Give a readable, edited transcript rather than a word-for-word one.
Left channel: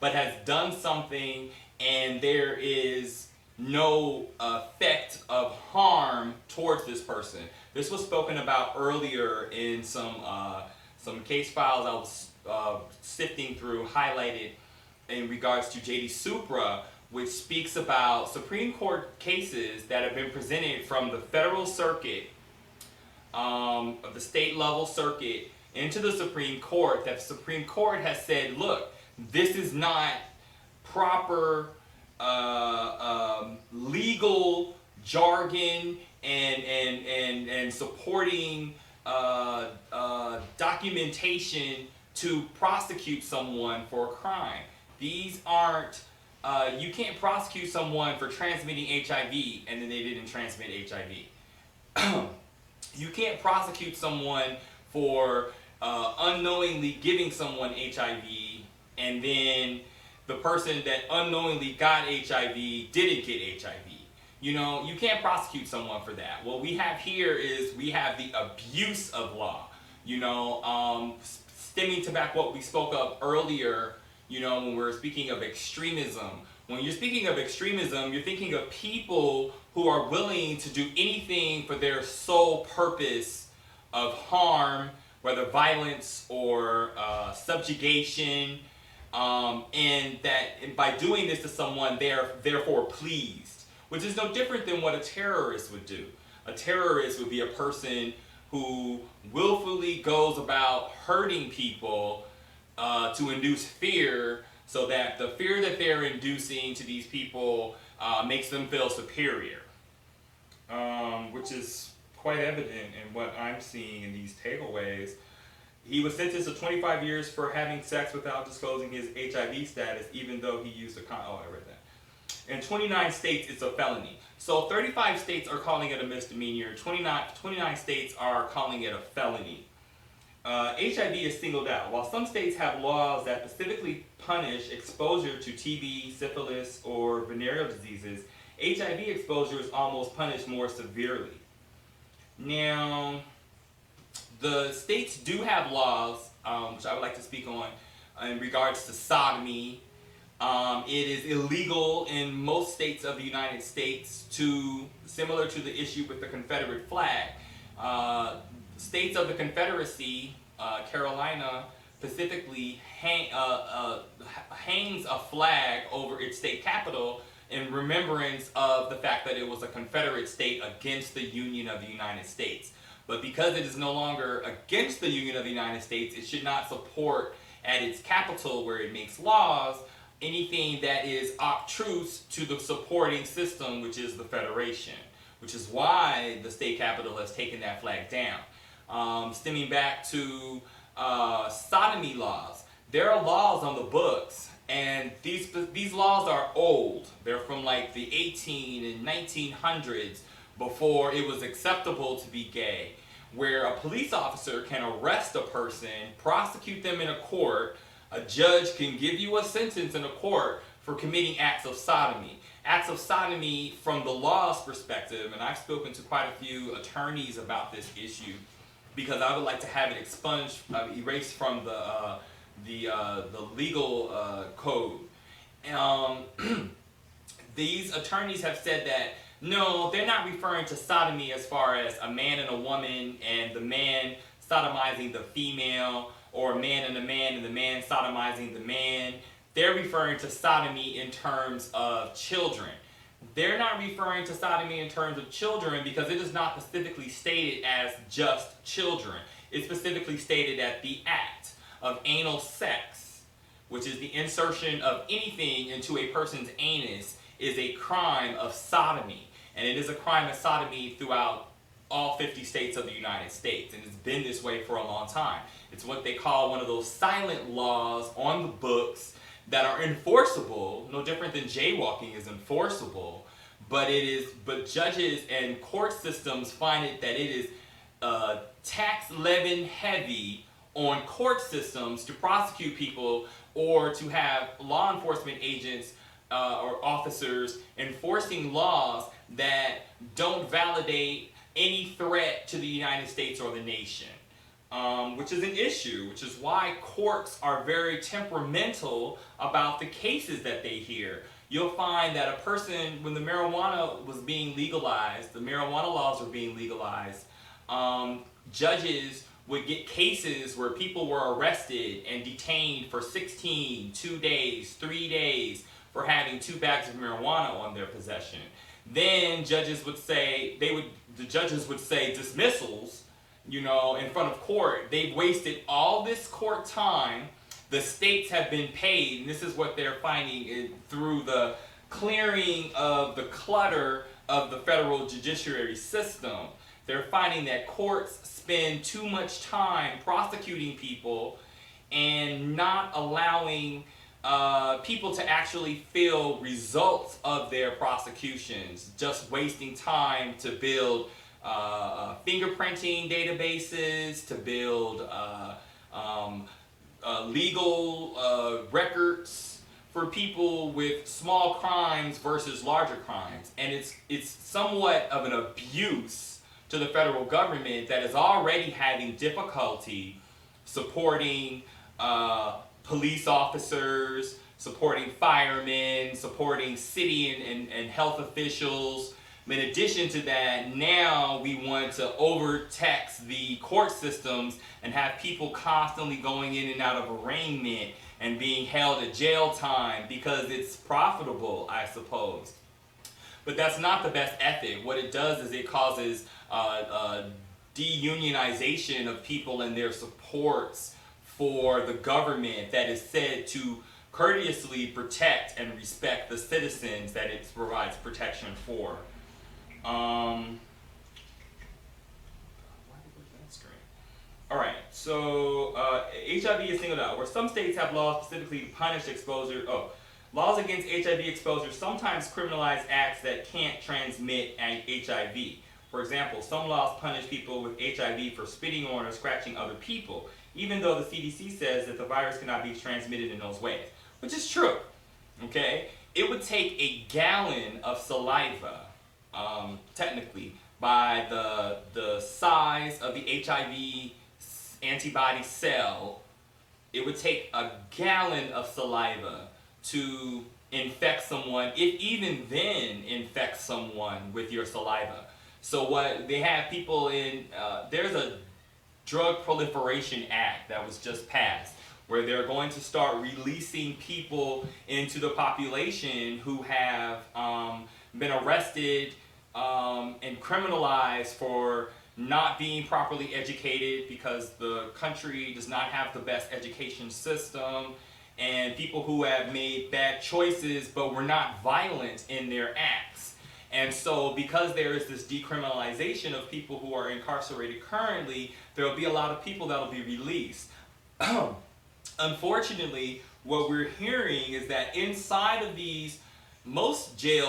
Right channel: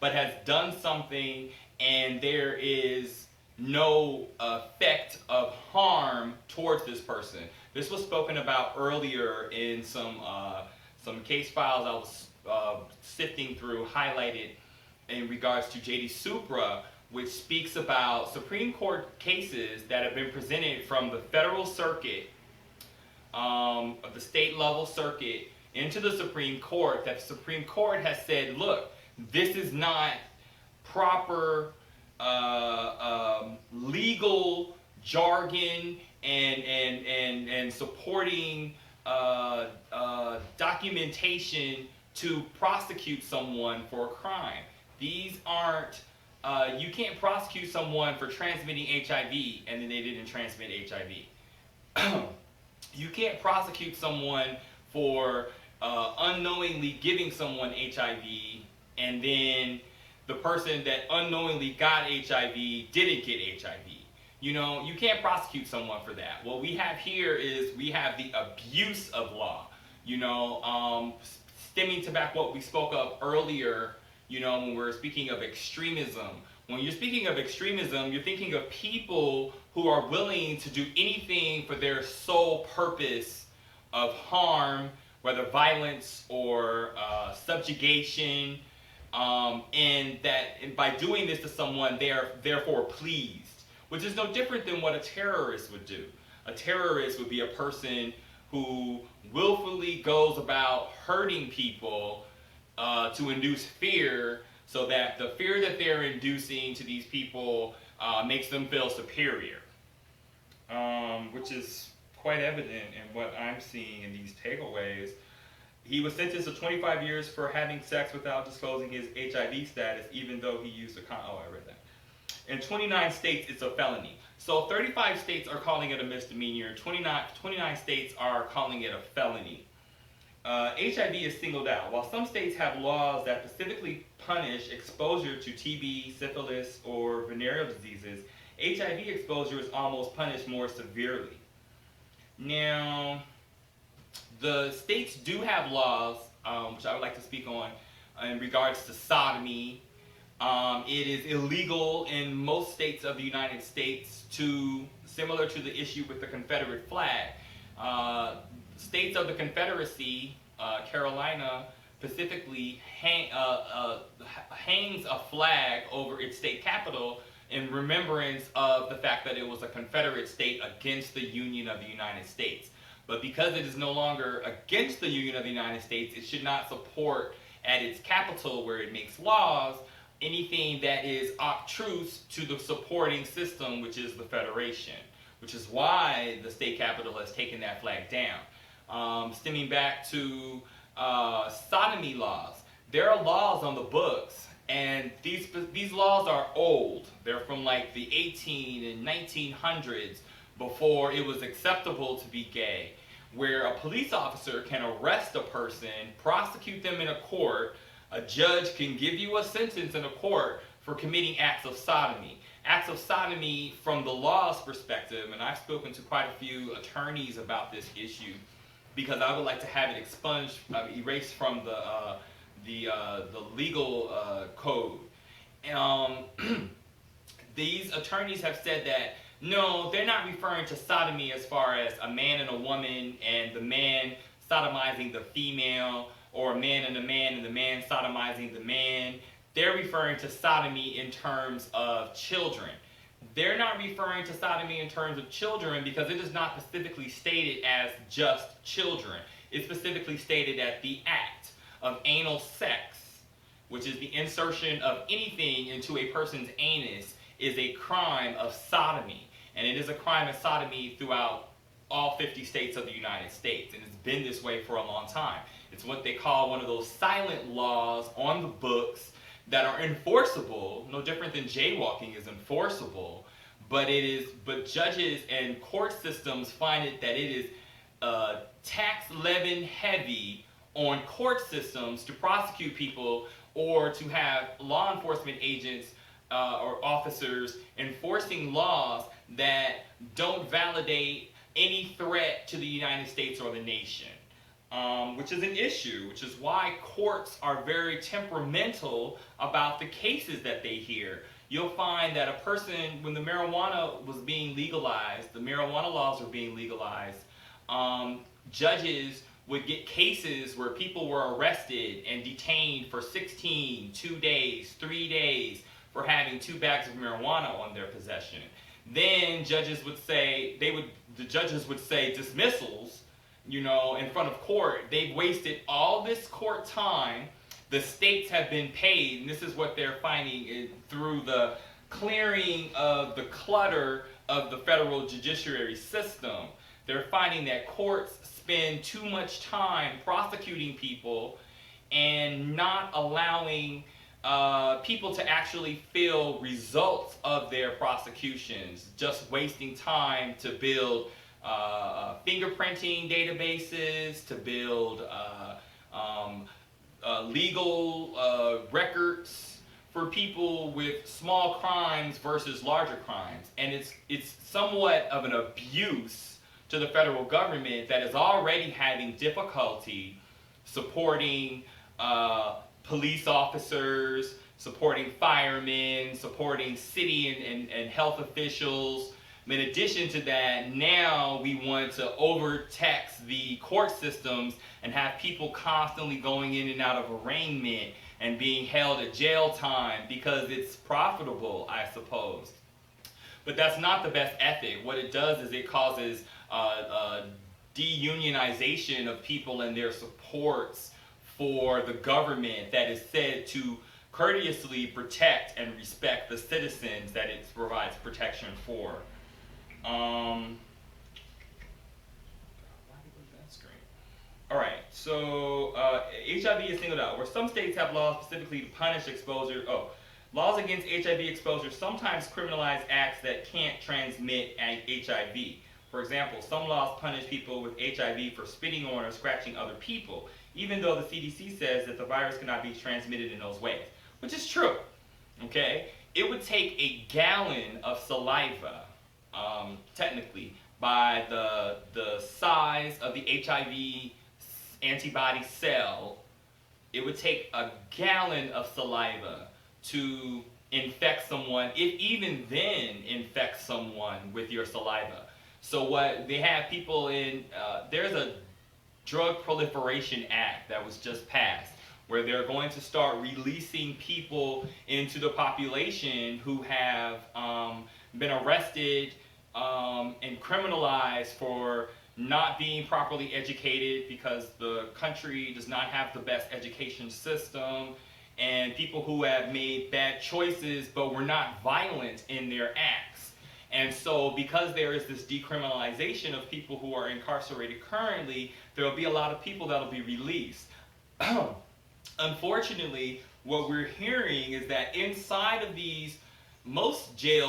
but has done something and there is no effect of harm towards this person. This was spoken about earlier in some case files I was sifting through, highlighted in regards to J.D. Supra, which speaks about Supreme Court cases that have been presented from the federal circuit, of the state level circuit, into the Supreme Court, that the Supreme Court has said, look, this is not proper legal jargon and supporting documentation to prosecute someone for a crime. These aren't, you can't prosecute someone for transmitting HIV and then they didn't transmit HIV. You can't prosecute someone for unknowingly giving someone HIV and then the person that unknowingly got HIV didn't get HIV. You know, you can't prosecute someone for that. What we have here is we have the abuse of law. You know, stemming to back what we spoke of earlier, you know, when we were speaking of extremism. When you're speaking of extremism, you're thinking of people who are willing to do anything for their sole purpose of harm, whether violence or subjugation, and by doing this to someone, they are therefore pleased, which is no different than what a terrorist would do. A terrorist would be a person who willfully goes about hurting people to induce fear, so that the fear that they're inducing to these people makes them feel superior, which is quite evident in what I'm seeing in these takeaways. He was sentenced to 25 years for having sex without disclosing his HIV status, even though he used a condom. Oh, I read that. In 29 states, it's a felony. So 35 states are calling it a misdemeanor. 29 states are calling it a felony. HIV is singled out. While some states have laws that specifically punish exposure to TB, syphilis, or venereal diseases, HIV exposure is almost punished more severely. Now, the states do have laws, which I would like to speak on, in regards to sodomy. It is illegal in most states of the United States, similar to the issue with the Confederate flag. States of the Confederacy, Carolina specifically, hangs a flag over its state capital in remembrance of the fact that it was a Confederate state against the Union of the United States. But because it is no longer against the Union of the United States, it should not support at its capital, where it makes laws, anything that is obtruse to the supporting system, which is the Federation, which is why the state capital has taken that flag down. Stemming back to sodomy laws, there are laws on the books, and these laws are old. They're from like the 18 and 1900s, before it was acceptable to be gay, where a police officer can arrest a person, prosecute them in a court. A judge can give you a sentence in a court for committing acts of sodomy. Acts of sodomy from the law's perspective, and I've spoken to quite a few attorneys about this issue, because I would like to have it expunged, erased from the legal code. These attorneys have said that no, they're not referring to sodomy as far as a man and a woman and the man sodomizing the female, or a man and the man sodomizing the man. They're referring to sodomy in terms of children. They're not referring to sodomy in terms of children because it is not specifically stated as just children. It's specifically stated that the act of anal sex, which is the insertion of anything into a person's anus, is a crime of sodomy. And it is a crime of sodomy throughout all 50 states of the United States. And it's been this way for a long time. It's what they call one of those silent laws on the books that are enforceable, no different than jaywalking is enforceable, but judges and court systems find it that it is tax levy heavy on court systems to prosecute people, or to have law enforcement agents or officers enforcing laws that don't validate any threat to the United States or the nation. which is an issue, which is why courts are very temperamental about the cases that they hear. You'll find that a person, when the marijuana was being legalized, the marijuana laws were being legalized, judges would get cases where people were arrested and detained for 16, 2 days, 3 days for having 2 bags of marijuana on their possession. Then judges would say, the judges would say dismissals, in front of court. They've wasted all this court time. The states have been paid, and this is what they're finding through the clearing of the clutter of the federal judiciary system. They're finding that courts spend too much time prosecuting people and not allowing people to actually feel results of their prosecutions, just wasting time to build fingerprinting databases, to build legal records for people with small crimes versus larger crimes. And it's somewhat of an abuse to the federal government that is already having difficulty supporting police officers, supporting firemen, supporting city and health officials. In addition to that, now we want to overtax the court systems and have people constantly going in and out of arraignment and being held at jail time because it's profitable, I suppose. But that's not the best ethic. What it does is it causes deunionization of people and their supports for the government that is said to courteously protect and respect the citizens that it provides protection for. Alright, so HIV is singled out. Where some states have laws specifically to punish exposure. Laws against HIV exposure sometimes criminalize acts that can't transmit HIV. For example, some laws punish people with HIV for spitting on or scratching other people, even though the CDC says that the virus cannot be transmitted in those ways, which is true. Okay? It would take a gallon of saliva, technically, by the size of the HIV antibody cell. It would take a gallon of saliva to infect someone, if even then infect someone with your saliva. So what they have people in, there's a Drug Proliferation Act that was just passed, where they're going to start releasing people into the population who have been arrested and criminalized for not being properly educated because the country does not have the best education system, and people who have made bad choices but were not violent in their acts. And so because there is this decriminalization of people who are incarcerated currently, there will be a lot of people that will be released. Unfortunately, what we're hearing is that inside of most jails